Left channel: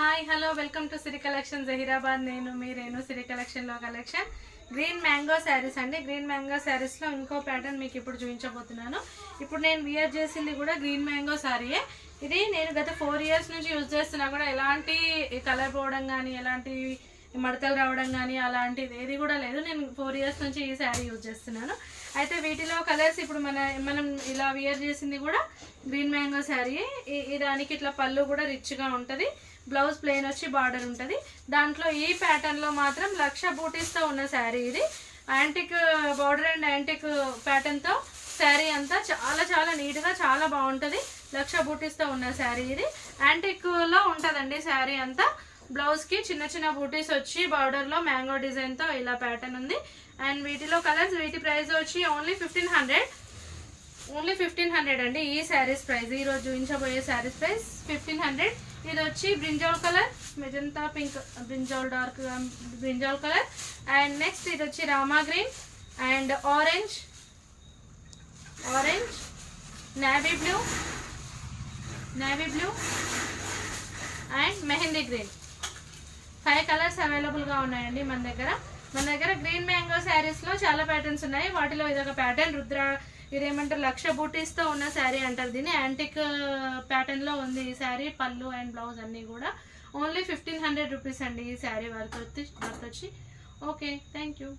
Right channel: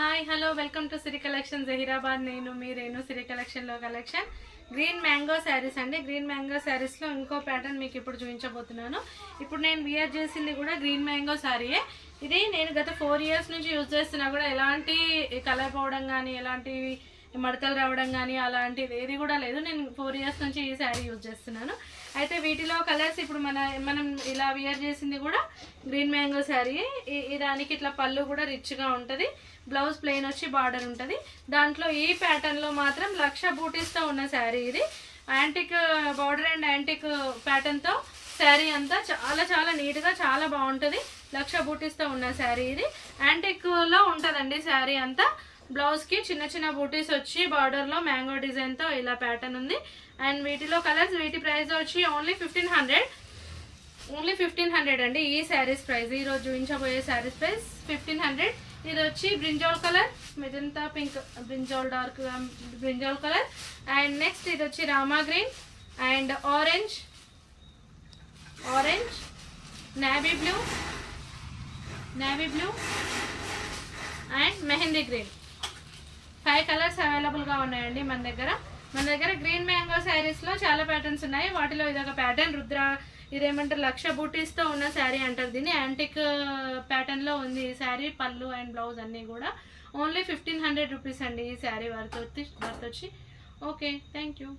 Hi hello welcome to Siri collection Zaheerabad. నేను మీ రేణు. సిరి కలెక్షన్లో collection green mango saris అండి. గ్రీన్ మ్యాంగో శారీస్లో ఇంకో ప్యాటర్న్ మీకు ఇప్పుడు చూపించబోతున్నాను. ఇప్పుడు నేను వియర్ చేసింది కూడా గ్రీన్ మ్యాంగో శారీయే. ఇది నేను గత 4 years నుంచి యూజ్ చేస్తున్నా కూడా ఎలాంటి కలర్ పోవడం కానీ ఎలాంటి మడతలు రావడం కానీ అలాంటిది ఏది కూడా లేదు. నేను 4 years నుంచి ఈ శారీ యూజ్ చేస్తున్నాను. అయితే వీటిలో కలర్స్ ఇప్పుడు మనం ఇలా వియర్ చేసింది కూడా గ్రీన్ మ్యాంగో శారీ. దానికి ఇట్లా పళ్ళు కూడా రిచ్గా ఉంటుంది. బ్లౌజ్ ప్లెయిన్ వచ్చి బార్డర్ ఉంటుంది. దాంట్లో ఈ ప్యాటర్న్లో మాత్రం లక్ష బూటీస్తో ఉన్న శారీ ఇది. యాంటిక్ బార్డర్ అండ్ యాంటిక్ ప్యాటర్న్తో శారీ అంతా చాలా చాలా నీట్గా చాలా బాగుంటుంది. లక్ష బూటీస్తో ఉన్న శారీ ఇది. యాంటిక్లో ఉంటుందండి శారీ అంతా. బ్లౌజ్కి చిన్న చిన్న బూటీస్ వచ్చి బార్డర్లో మ్యాంగో డిజైన్తో ఇలా ప్యాటర్న్ ఉంది. అండ్ వీటిలో కలర్స్, వీటి ప్రైస్ వచ్చి ఓన్లీ 1500 అండి. ఈ శారీస్ ప్రైస్, ఈరోజు చూపించబోయే శారీస్ ప్రైస్ 1500. ఇది వచ్చి brinjal colour, magenta pink, brinjal dark brinjal colour. And next ఇది వచ్చి Rama green and orange, navy blue and mehndi green. 5 colours అవైలబుల్గా ఉన్నాయండి మన దగ్గర. గ్రీన్ మ్యాంగో శారీస్లో చాలా ప్యాటర్న్స్ ఉన్నాయి. వాటిలో ఇదొక ప్యాటర్న్. రుద్ర, ఇదేమంటారు, లక్ష బూటీస్తో ఉన్న శారీ అంటారు దీన్ని. యాంటిక్ ప్యాటర్న్లో ఉంది ఈ శారీ. పళ్ళు అండ్ బ్లౌజ్ అన్నీ కూడా ఓన్లీ 1500 రూపీస్ అండి ఈ శారీ వర్త్ వచ్చి. Okay, thank you.